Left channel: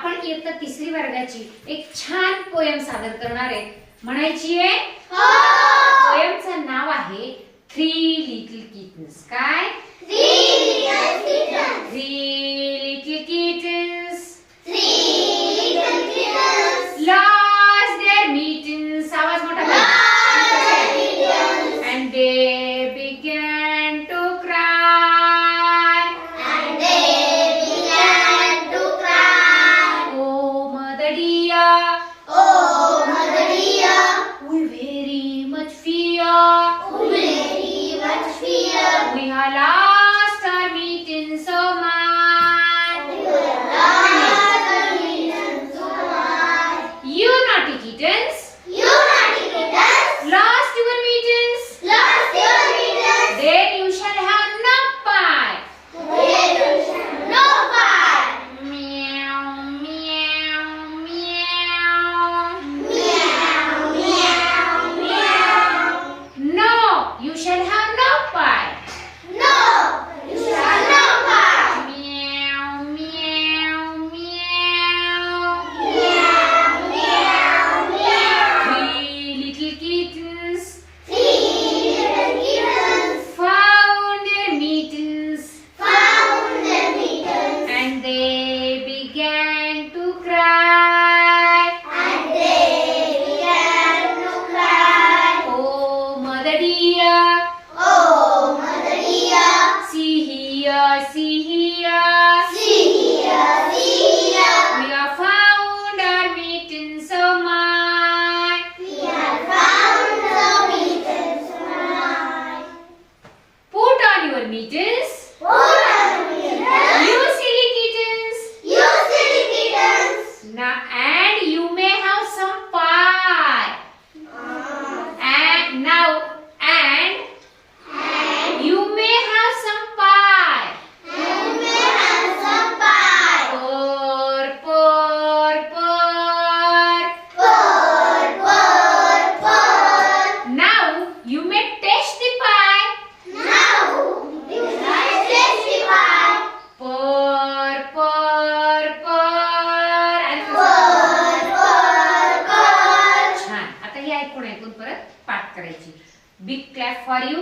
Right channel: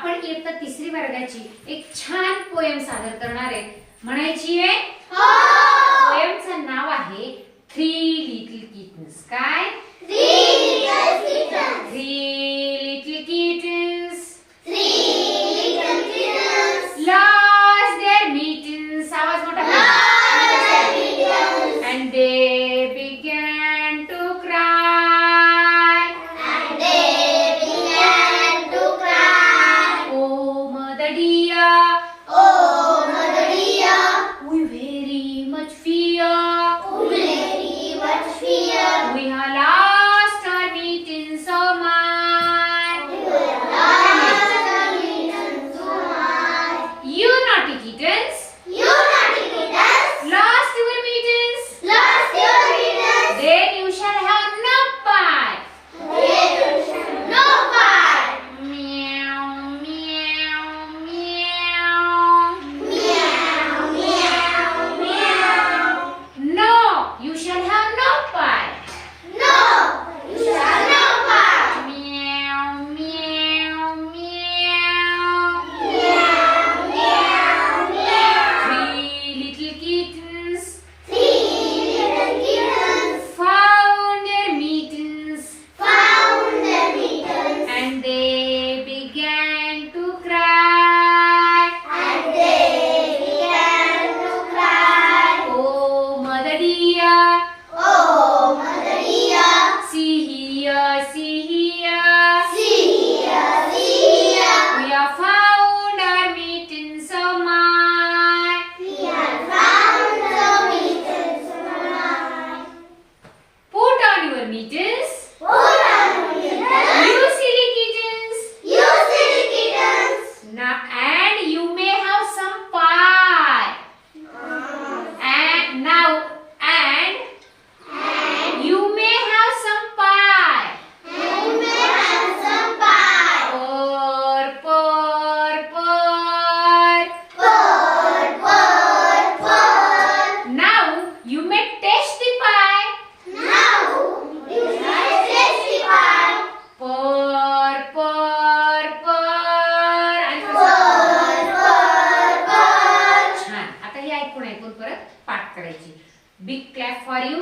आपण इयत्ता 3री वर्गाची एक छान पोयम सादर करणार आहे. म्हणायची आहे? हो. पोयमचं नाव आहे थ्री लिटिल किटन्स. काय? Three little kittens. Three little kittens Three little kittens. lost their mittens. आवाज मोठा कर. And they began to cry. And they began to cry. Oh, mother dear, Oh, mother dear, we very much fear. we very much fear. We have lost our mittens so much. We were lost our mittens so much. You naughty kittens, You naughty kittens, lost your mittens. lost your mittens. Then you shall have no pie. Then you shall know why. Meow, meow, meow. Meow, meow, meow. No, you shall have no pie. No, you shall know why. Meow, meow, meow. Meow, meow, meow. Three little kittens Three little kittens found their mittens found their mittens. and they began to cry. And they began to cry. Oh, mother dear, Oh, mother dear, see here, see here. see here, see here. We have found our mittens so much. We have found the mittens tonight. Put on your mittens, Put on the mittens, you silly kittens. you silly kittens. Now, and you may have some pie. And now, and you may have some pie. And you may have some pie. Pour, pour, pour. Pour, pour, pour. Now, you may taste the pie. Now, you shall taste the pie. Pour, pour, pour. आणि Pour, pour, pour. छान. आता हे ऐकून ऐकून परत पाठ करायची. Big clap for you.